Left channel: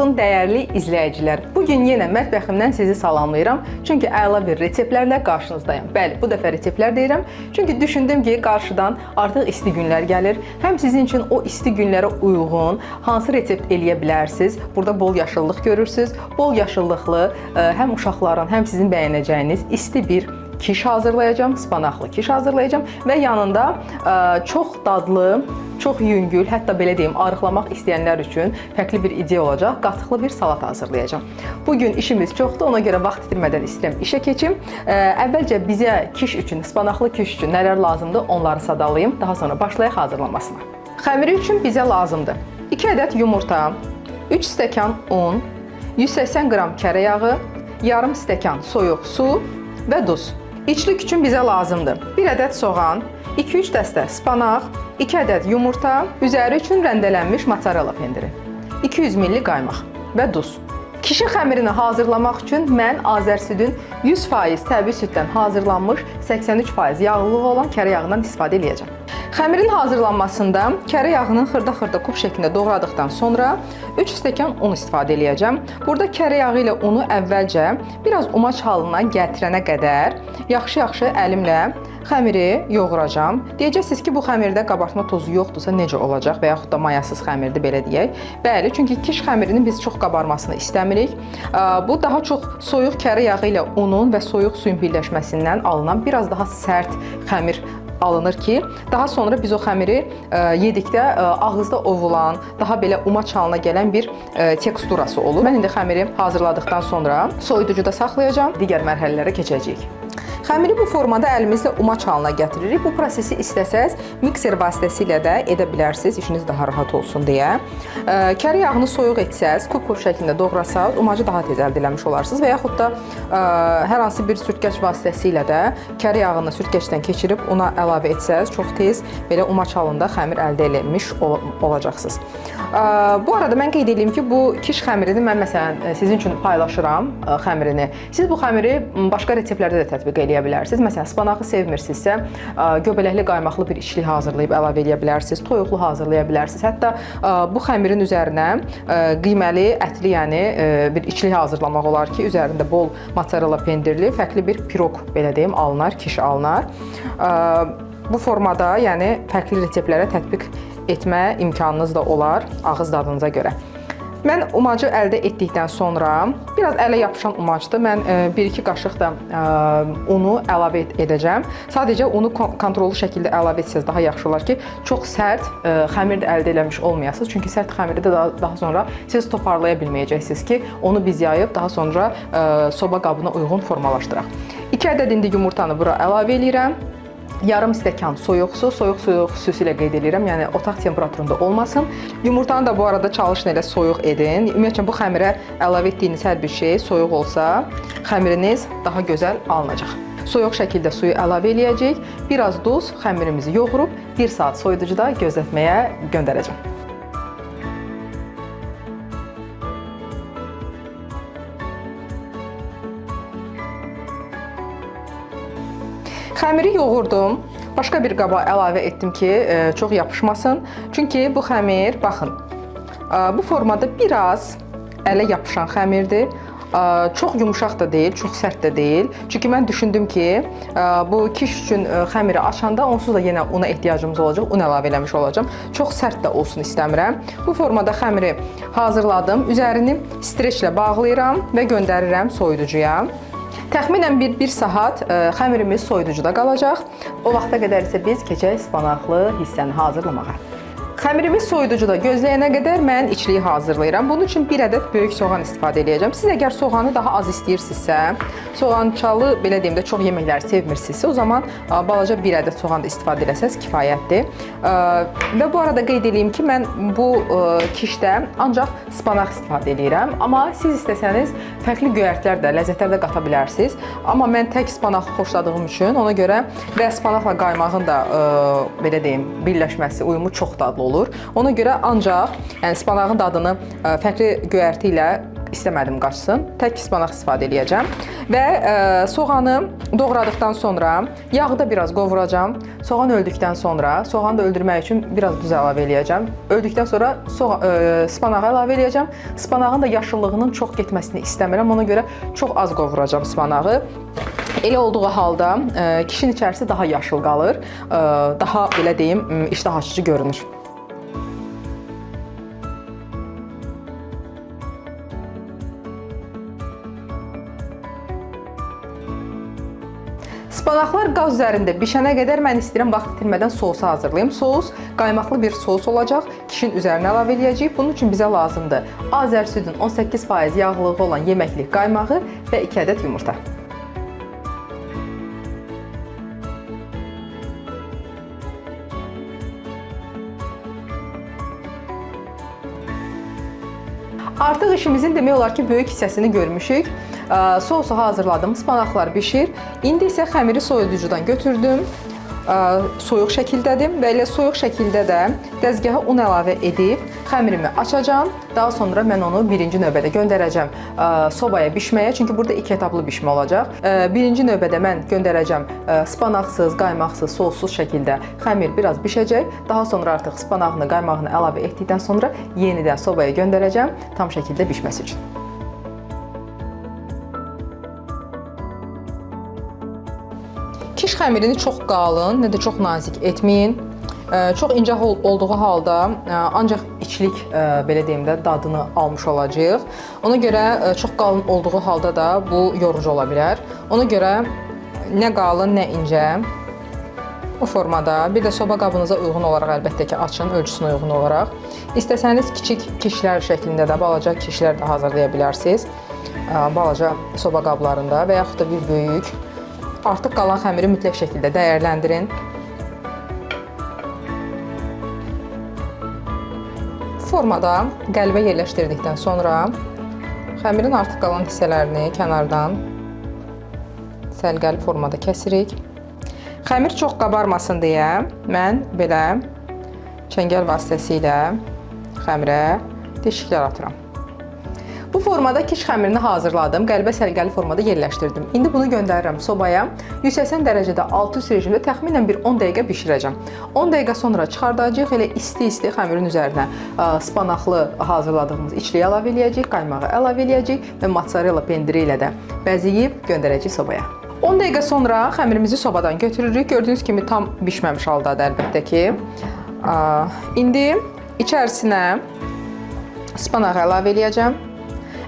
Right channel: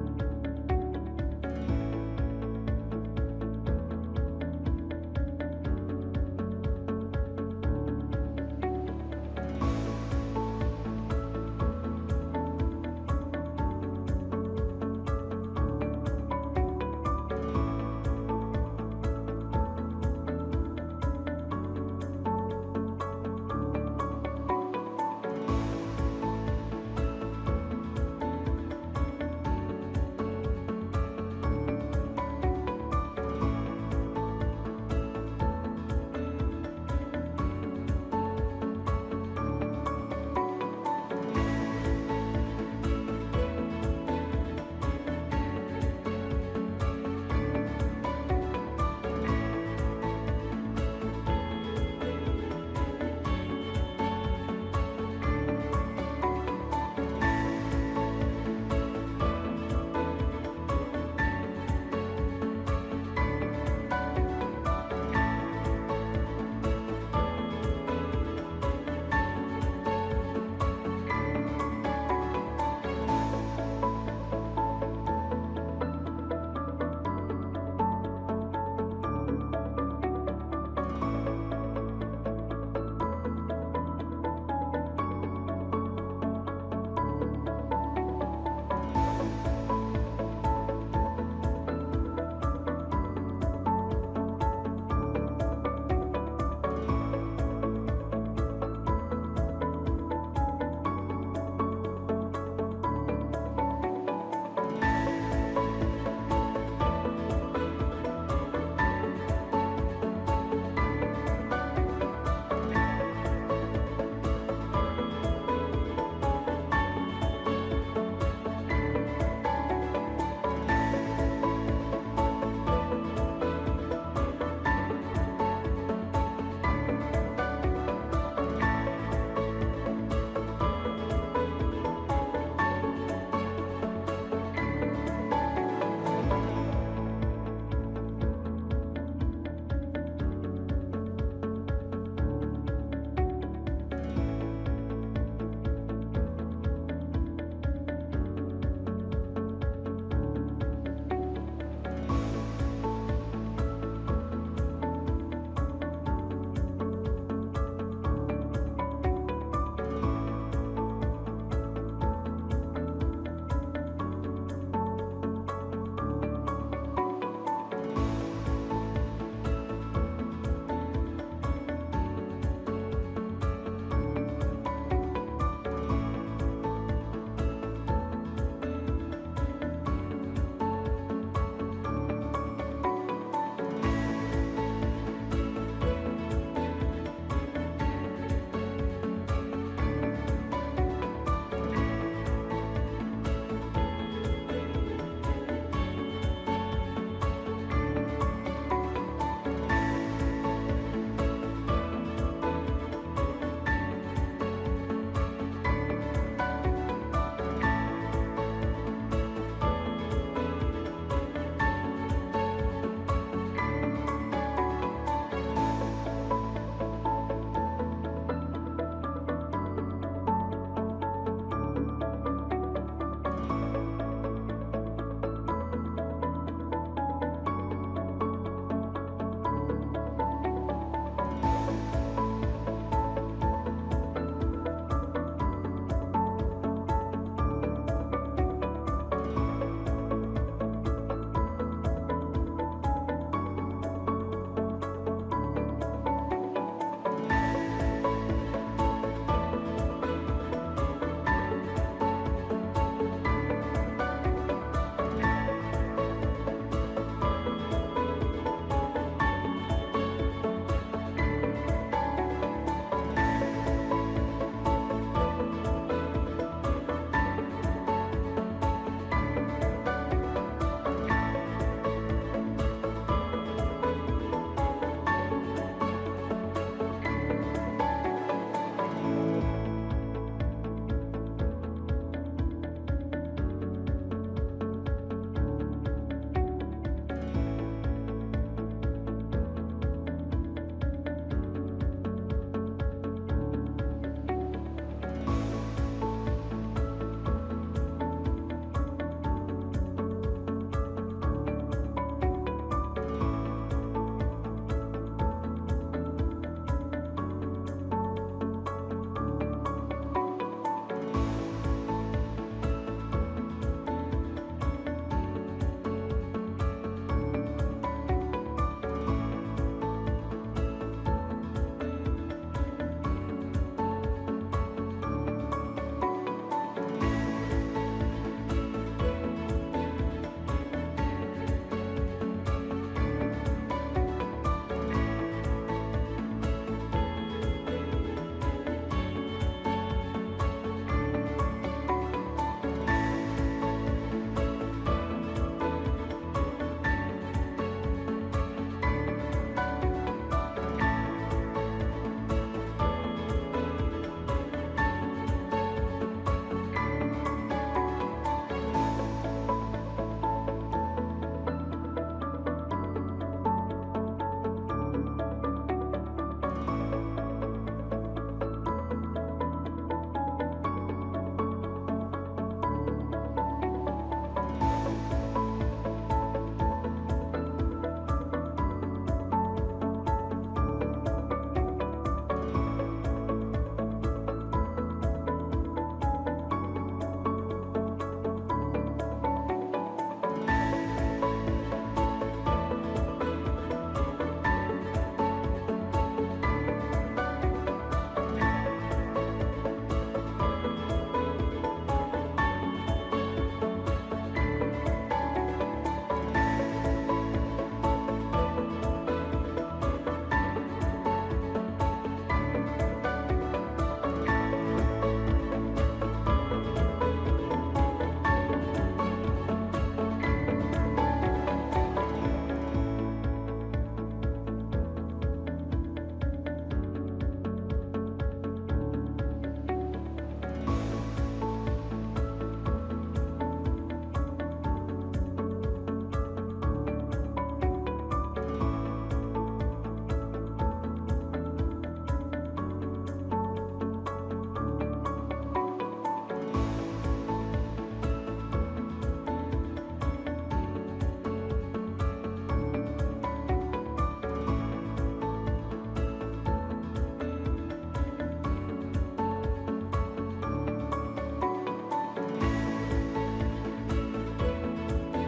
olsun dəyərli izləyicilər. Bugün yenə mətbəximdən sizi salamlayıram. Çünki əla bir reseptlərlə qarşınızdayım. Bəli, bu dəfə reseptlər deyirəm. Çünki düşündüm ki, qarşıdan artıq isti günlər gəlir. Həm sizin üçün o isti günlərə uyğun hansı resept eləyə bilərsiniz? Burada bol yaşıllıq görürsünüz. Bol yaşıllıqlı həm uşaqların, həm sizin bəyənəcəyiniz isti bir kiş hazırlayacağım, spanaqlı kiş hazırlayacağım və yanında çox dadlı, çox yüngül, hətta belə deyim, arıqlamaq istəyənlər üçün fərqli bir ideya olacaq, qatıqlı bir salat hazırlayacağım. Bugün işimiz çoxdur, ona görə vaxt itirmədən istəyirəm işə keçim. Əvvəlcə bizə kiş üçün, spanaqlı kiş üçün nələr lazımdır, onları sadalayım, daha sonra başlayaq hazırlanmasına. Xəmiri üçün bizə lazımdır 2 ədəd yumurta, 3 stəkan un, 180 qram kərə yağı, yarım stəkan soyuq su və duz. İçlik üçün bizə lazımdır 1 ədəd soğan, 2-3 dəstə spanaq, 2 ədəd yumurta, üzəri üçün rəndələnmiş mozzarella pendiri, 200 ml qaymaq və duz. Kişi xəmirini hazırlamaq üçün mən Azərsüdün 100% təbii süddən hazırlanmış 83% yağlılığı olan kərə yağından istifadə edəcəm. Xəmirin hazırlanmasında kərə yağının xırda-xırda kub şəklində doğradıqdan sonra 3 stəkan un istifadə edəcəm. Burada kərə yağı ilə unu əvvəlcə biraz umaç halına gətirənə qədər yaxşı-yaxşı əlimlə xəmiri yoğuracam. Deyəcəksiniz ki, bu xəmirdə qabartma tozu yoxdursa necə olacaq və yaxud da mayasız xəmirdir, belə deyək. Bəli, çünki kiş xəmirinin biz çox qabarmasını istəmirik. Bu daha çox soyuq kərə yağı ilə unun və soyuq suyun birləşməsindən alınan biraz daha sərt xəmir alınır ki, daha sonra biz o xəmiri yedikdə ağızda ovulan, daha belə umaç halına gələn bir teksturası olur. Mən indi xəmiri hazırladıqdan sonra soyuducuda saxlayacağam, digər mərhələlərə keçəcəyik. Xəmiri bu formada əlimizlə umaç halına gətiririk. Bu prosesi istəsəz mikser vasitəsilə də edə bilərsiniz, işiniz daha rahat olsun deyə. Kərə yağını soyuq etsəz, kub-kub şəklində doğrasaq, umacı daha tez əldə eləmiş olarsınız və yaxud da hər hansı bir sürtgəç vasitəsilə də kərə yağını sürtgəçdən keçirib ona əlavə etsəz, çox tez belə umaç halında xəmir əldə eləmiş olacaqsınız. Bu arada mən qeyd edeyim ki, bu kiş xəmirini mən məsələn sizin üçün paylaşıram xəmirini. Siz bu xəmiri başqa reseptlərdə də tətbiq eləyə bilərsiniz. Məsələn, spanağı sevmirsinizsə, göbələkli qaymaqlı bir içlik hazırlayıb əlavə eləyə bilərsiniz, toyuqlu hazırlaya bilərsiniz. Hətta bu xəmirin üzərinə qiyməli, ətli, yəni bir içlik hazırlamaq olar ki, üzərində bol mozzarella pendirli, fərqli bir piroq, belə deyim, alınar, kiş alınar. Bu formada, yəni fərqli reseptlərə tətbiq etmə imkanınız da olar ağız dadınıza görə. Mən umacı əldə etdikdən sonra, biraz ələ yapışan umacdır, mən 1-2 qaşıq da unu əlavə edəcəm. Sadəcə unu kontrollu şəkildə əlavə etsəz daha yaxşı olar ki, çox sərt xəmir də əldə eləmiş olmayasınız. Çünki sərt xəmiri də daha sonra siz toparlaya bilməyəcəksiniz ki, onu biz yayıb daha sonra soba qabına uyğun formalaşdıraq. 2 ədəd indi yumurtanı bura əlavə edirəm. Yarım stəkan soyuq su, soyuq suyu xüsusilə qeyd edirəm, yəni otaq temperaturunda olmasın. Yumurtanı da bu arada çalışın elə soyuq edin. Ümumiyyətlə, bu xəmirə əlavə etdiyiniz hər bir şey soyuq olsa, xəmiriniz daha gözəl alınacaq. Soyuq şəkildə suyu əlavə eləyəcəyik. Biraz duz, xəmirimizi yoğurub 1 saat soyuducuda gözlətməyə göndərəcəm. Xəmiri yoğurdum. Başqa bir qaba əlavə etdim ki, çox yapışmasın. Çünki bu xəmir, baxın, bu formada biraz ələ yapışan xəmirdir. Çox yumuşaq da deyil, çox sərt də deyil. Çünki mən düşündüm ki, bu kiş üçün xəmiri açanda onsuz da yenə una ehtiyacımız olacaq, un əlavə eləmiş olacağım. Çox sərt də olsun istəmirəm. Bu formada xəmiri hazırladım. Üzərini streçlə bağlayıram və göndərirəm soyuducuya. Təxminən 1 saat xəmirimiz soyuducuda qalacaq. O vaxta qədər isə biz keçək spanaqlı hissəni hazırlamağa. Xəmirimiz soyuducuda gözləyənə qədər mən içliyi hazırlayıram. Bunun üçün 1 ədəd böyük soğan istifadə edəcəm. Siz əgər soğanı daha az istəyirsinizsə, soğançalı, belə deyim də, çox yeməkləri sevmirsinizsə, o zaman balaca 1 ədəd soğan da istifadə eləsəz kifayətdir. Və bu arada qeyd edeyim ki, mən bu kişdə ancaq spanaq istifadə edirəm. Amma siz istəsəniz, fərqli göyərtlər də, ləzzətlər də qata bilərsiniz. Amma mən tək spanaq xoşladığım üçün, ona görə və spanaqla qaymağın da, belə deyim, birləşməsi, uyumu çox dadlı olur. Ona görə ancaq spanağın dadını fərqli göyərti ilə istəmədim qaçsın. Tək spanaq istifadə edəcəm və soğanı doğradıqdan sonra yağı da biraz qovuracam. Soğan öldükdən sonra soğanı da öldürmək üçün biraz duz əlavə edəcəm. Öldükdən sonra spanağı əlavə edəcəm. Spanağın da yaşıllığının çox getməsini istəmirəm. Ona görə çox az qovuracam spanağı. Elə olduğu halda kişinin içərisi daha yaşıl qalır, daha belə deyim, iştah açıcı görünür. Spanaqlar qaz üzərində bişənə qədər mən istəyirəm vaxt itirmədən sousu hazırlayım. Sous qaymaqlı bir sous olacaq. Kişinin üzərinə əlavə edəcəyik. Bunun üçün bizə lazımdır Azər südün 18% yağlılığı olan yeməklik qaymağı və 2 ədəd yumurta. Artıq işimizin demək olar ki, böyük hissəsini görmüşük. Sousu hazırladım, spanaqlar bişir. İndi isə xəmiri soyuducudan götürdüm. Soyuq şəkildədir və elə soyuq şəkildə də dəzgaha un əlavə edib xəmirimi açacağam. Daha sonra mən onu birinci növbədə göndərəcəm sobaya bişməyə. Çünki burada 2 etaplı bişmə olacaq. Birinci növbədə mən göndərəcəm spanaqsız, qaymaqsız, sossuz şəkildə xəmir biraz bişəcək. Daha sonra artıq spanağını, qaymağını əlavə etdikdən sonra yenidən sobaya göndərəcəm tam şəkildə bişməsi üçün. Kiş xəmirini çox qalın, nə də çox nazik etməyin. Çox incə olduğu halda ancaq içlik, belə deyim də, dadını almış olacağıq. Ona görə çox qalın olduğu halda da bu yorucu ola bilər. Ona görə nə qalın, nə incə bu formada, bir də soba qabınıza uyğun olaraq əlbəttə ki, açın, ölçüsünə uyğun olaraq. İstəsəniz kiçik kişlər şəklində də, balaca kişlər də hazırlaya bilərsiniz. Balaca soba qablarında və yaxud da bir böyük. Artıq qalan xəmiri mütləq şəkildə dəyərləndirin. Formada qəlbə yerləşdirdikdən sonra xəmirin artıq qalan hissələrini kənardan səliqəli formada kəsirik. Xəmir çox qabarmasın deyə mən belə çəngəl vasitəsilə xəmirə deşiklər atıram. Bu formada kiş xəmirini hazırladım, qəlbə səliqəli formada yerləşdirdim. İndi bunu göndərirəm sobaya. 180 dərəcədə alt-üst rejimdə təxminən bir 10 dəqiqə bişirəcəm. 10 dəqiqə sonra çıxardacağıq, elə isti-isti xəmirin üzərinə spanaqlı hazırladığımız içliyi əlavə edəcəyik, qaymağı əlavə edəcəyik və mozzarella pendiri ilə də bəzəyib göndərəcəyik sobaya. 10 dəqiqə sonra xəmirimizi sobadan götürürük. Gördüyünüz kimi tam bişməmiş haldadır əlbəttə ki. İndi içərisinə spanağı əlavə edəcəm.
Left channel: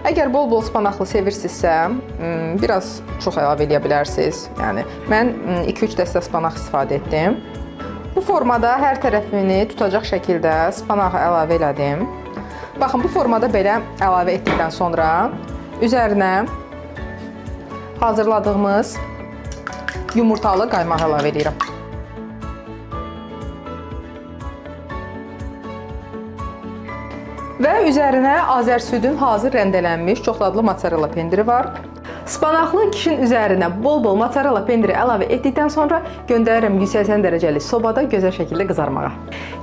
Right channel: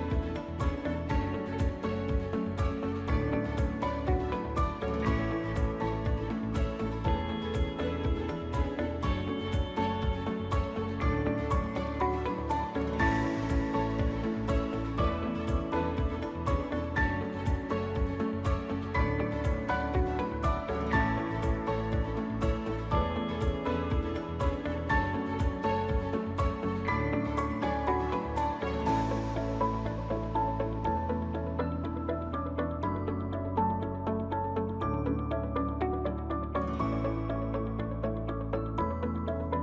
Əgər bol-bol spanaqlı sevirsinizsə, biraz çox əlavə edə bilərsiniz. Yəni, mən 2-3 dəstə spanaq istifadə etdim. Bu formada hər tərəfini tutacaq şəkildə spanağı əlavə elədim. Baxın, bu formada belə əlavə etdikdən sonra üzərinə hazırladığımız yumurtalı qaymağı əlavə edirəm. Və üzərinə Azər südün hazır rəndələnmiş çox dadlı mozzarella pendiri var. Spanaqlı kişinin üzərinə bol-bol mozzarella pendiri əlavə etdikdən sonra göndərirəm 180 dərəcəli sobada gözəl şəkildə qızarmağa.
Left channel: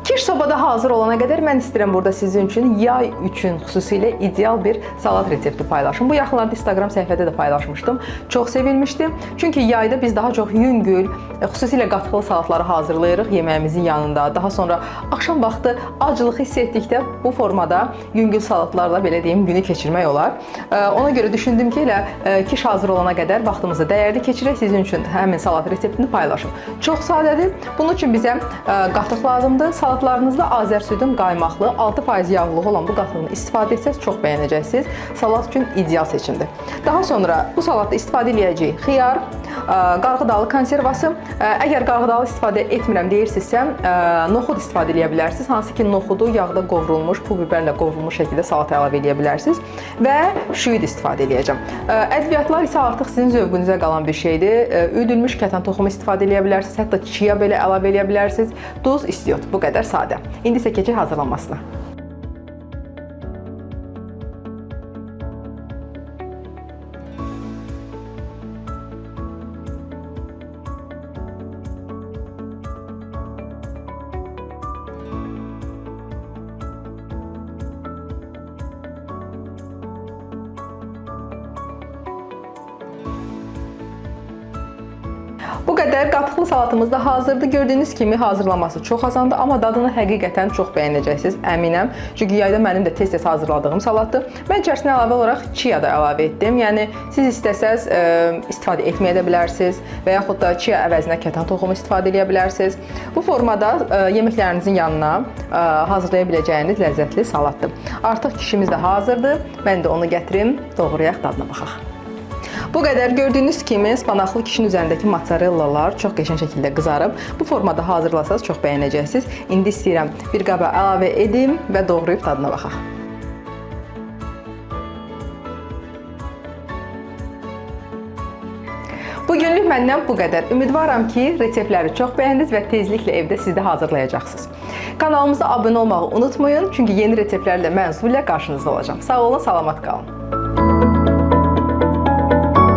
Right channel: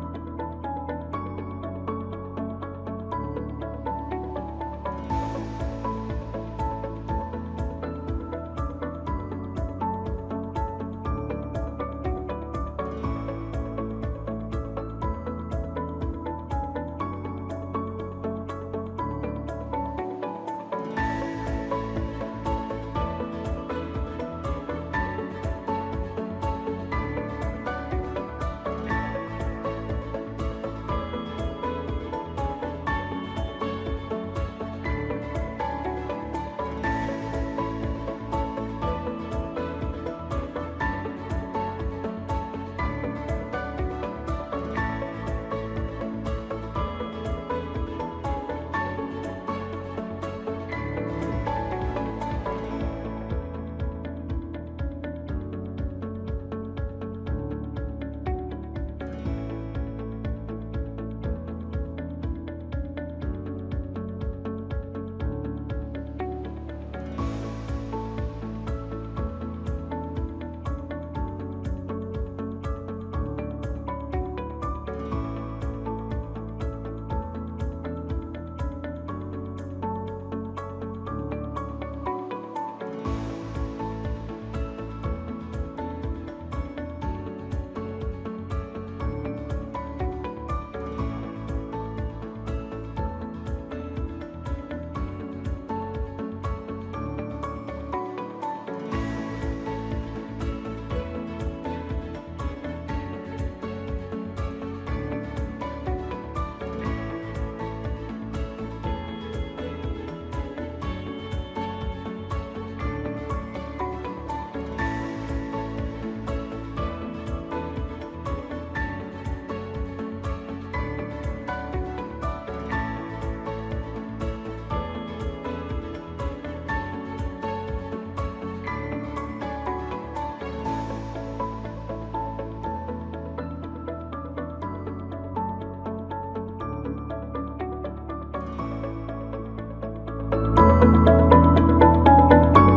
Kiş sobada hazır olana qədər mən istəyirəm burada sizin üçün yay üçün xüsusilə ideal bir salat resepti paylaşım. Bu yaxınlarda Instagram səhifədə də paylaşmışdım. Çox sevilmişdi. Çünki yayda biz daha çox yüngül, xüsusilə qatqılı salatları hazırlayırıq yeməyimizin yanında. Daha sonra axşam vaxtı aclıq hiss etdikdə bu formada yüngül salatlarla belə deyim günü keçirmək olar. Ona görə düşündüm ki, elə kiş hazır olana qədər vaxtımızı dəyərli keçirək, sizin üçün həmin salat reseptini paylaşım. Çox sadədir. Bunun üçün bizə qatıq lazımdır. Salatlarınızda Azər südün qaymaqlı, 6% yağlılığı olan bu qatığını istifadə etsəz çox bəyənəcəksiniz. Salat üçün ideal seçimdir. Daha sonra bu salatda istifadə edəcəyik xiyar, qarğıdalı konservası. Əgər qarğıdalı istifadə etmirəm deyirsinizsə, noxud istifadə edə bilərsiniz. Hansı ki, noxudu yağda qovrulmuş, pul biberlə qovrulmuş şəkildə salata əlavə edə bilərsiniz və şüyüd istifadə edəcəm. Ədviyyatlar isə artıq sizin zövqünüzə qalan bir şeydir. Üdülmüş kətan toxumu istifadə edə bilərsiniz, hətta chia belə əlavə edə bilərsiniz. Duz, istiot, bu qədər sadə. İndi isə keçək hazırlanmasına. qədər qatıqlı salatımız da hazırdır. Gördüyünüz kimi hazırlaması çox asandır, amma dadını həqiqətən çox bəyənəcəksiniz, əminəm. Çünki yayda mənim də tez-tez hazırladığım salatdır. Mən içərisinə əlavə olaraq chia da əlavə etdim. Yəni siz istəsəz istifadə etməyə də bilərsiniz və yaxud da chia əvəzinə kətan toxumu istifadə edə bilərsiniz. Bu formada yeməklərinizin yanına hazırlaya biləcəyiniz ləzzətli salatdır. Artıq kişimiz də hazırdır. Mən də onu gətirim, doğrayaq, dadına baxaq. Bu qədər. Gördüyünüz kimi spanaqlı kişinin üzərindəki mozzarella çox qəşəng şəkildə qızarıb. Bu formada hazırlasanız çox bəyənəcəksiniz. İndi istəyirəm bir qaba əlavə edim və doğrayıb dadına baxaq. Bugünlük məndən bu qədər. Ümidvaram ki, reseptləri çox bəyəndiniz və tezliklə evdə siz də hazırlayacaqsınız. Kanalımıza abunə olmağı unutmayın, çünki yeni reseptlərlə mən Zulə qarşınızda olacağam. Sağ olun, salamat qalın.